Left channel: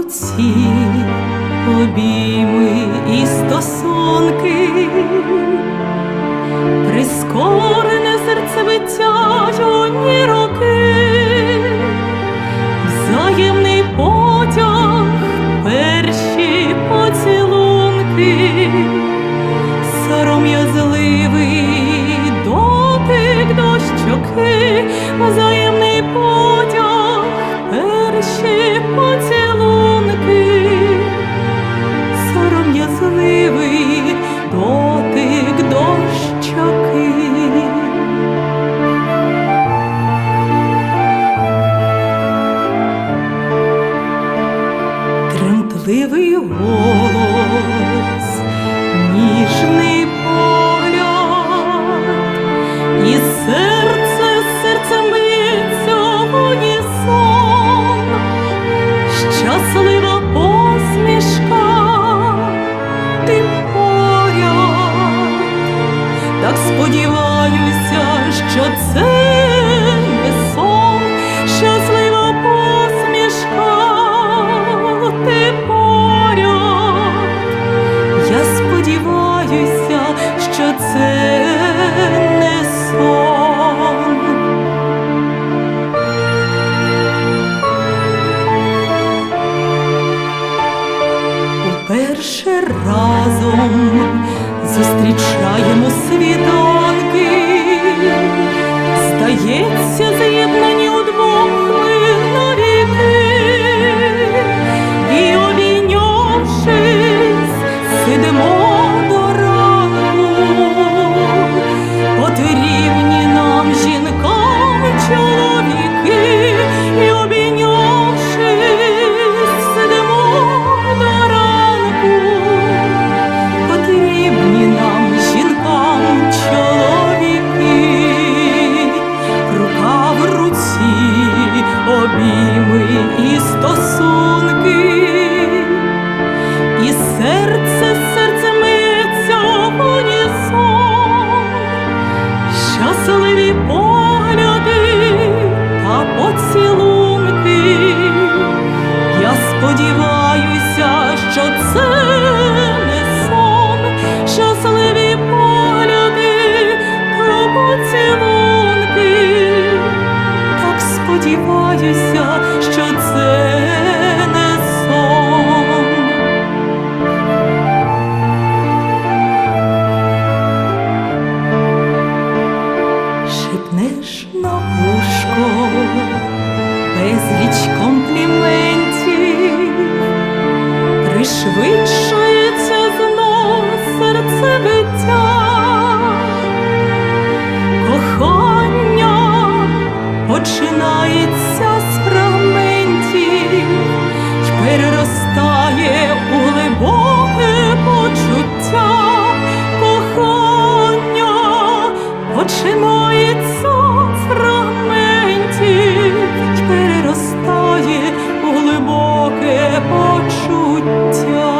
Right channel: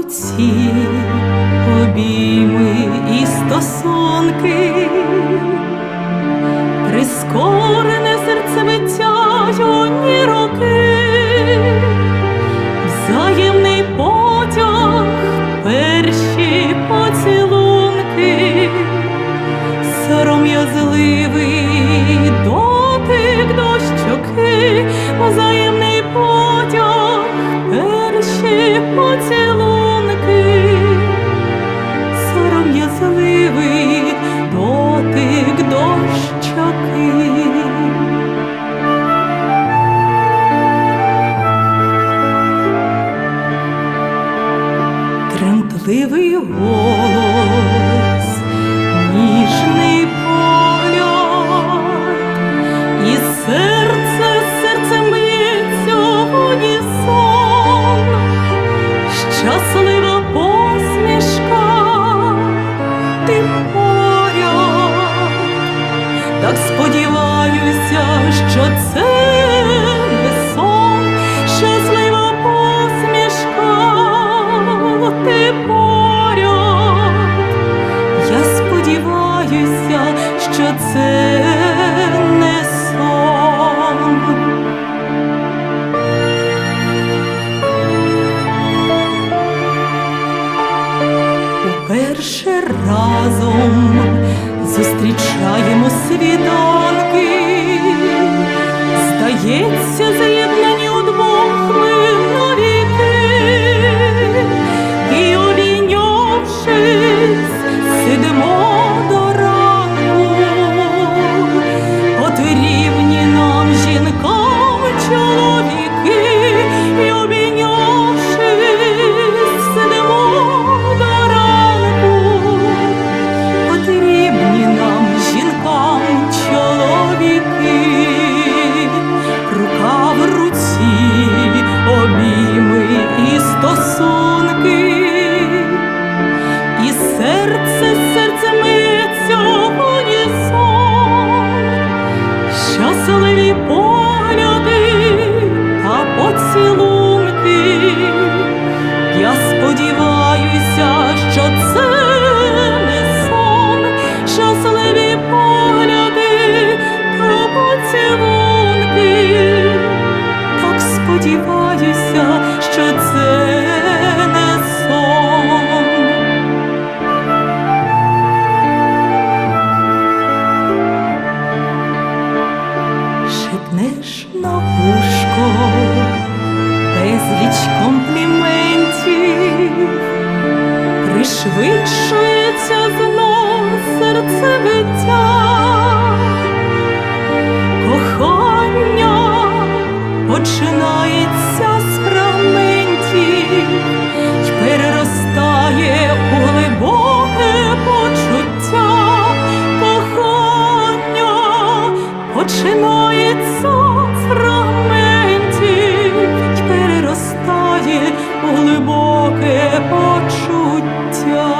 руці обійми і стосунки, прискорене серцебиття юні роки, взаємний потяг, перші поцілунки, сором'язливий дотик до щоки, взаємний потяг, перші поцілунки, Тремтливий голос, ніжний погляд, і серце серцем б'ється в унісон, щаслива посмішка, ти поряд, так сподіваюся, що це це не сон. Уперше разом зустрічаємо світанки, здається, з'єднані удвох ми навіки, і обійнявшись, сидимо потрібні Поцілунки. Я сподіваюся, що це не сон, щасливі погляди та поцілунки. Так сподіваюся, що це не сон. Безліч компліментів, пришвидшується знов серцебиття, кохання починається з фрагментів й переростає у глибоке почуття. Кохання починається глибоке почуття.